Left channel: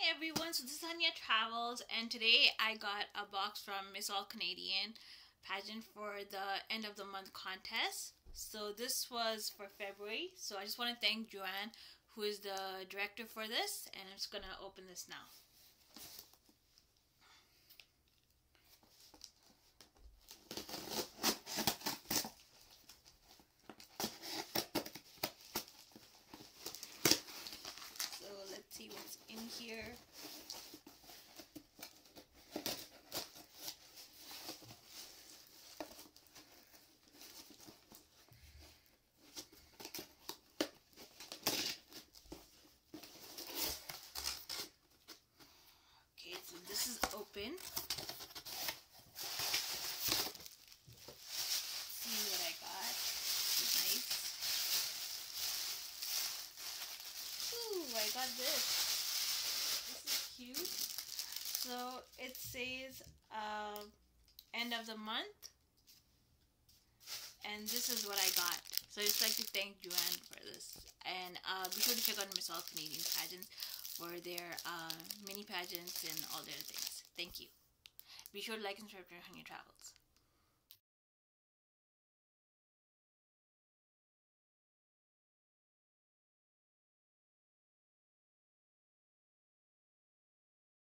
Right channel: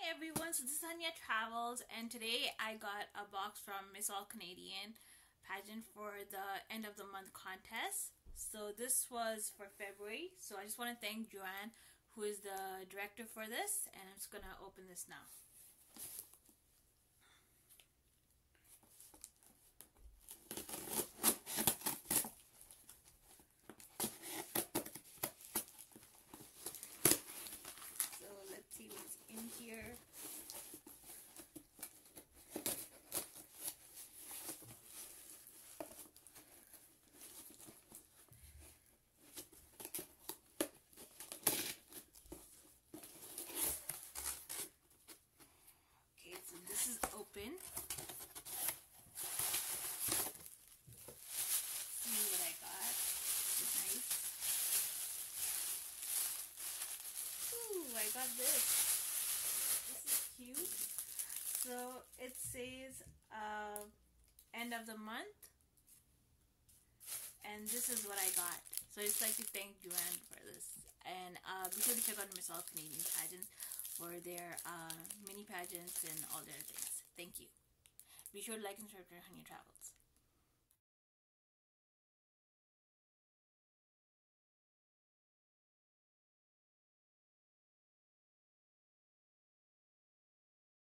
Hey everyone, so this is HunyahTravels, and today I got a box from Miss All Canadian Pageant for the end of the month contest. So this was for February, so I just want to thank Joanne, who is the director for this, and I'm just gonna open this now. So let's see what's in here. Okay, so this is open. See what I got. It's nice. Ooh, I got this. This is cute. So it says end of the month, and this is what I got. So I just like to thank Joanne for this, and be sure to check out Miss All Canadian Pageants for their mini pageants and all their things. Thank you. Be sure to like and subscribe to HunyahTravels.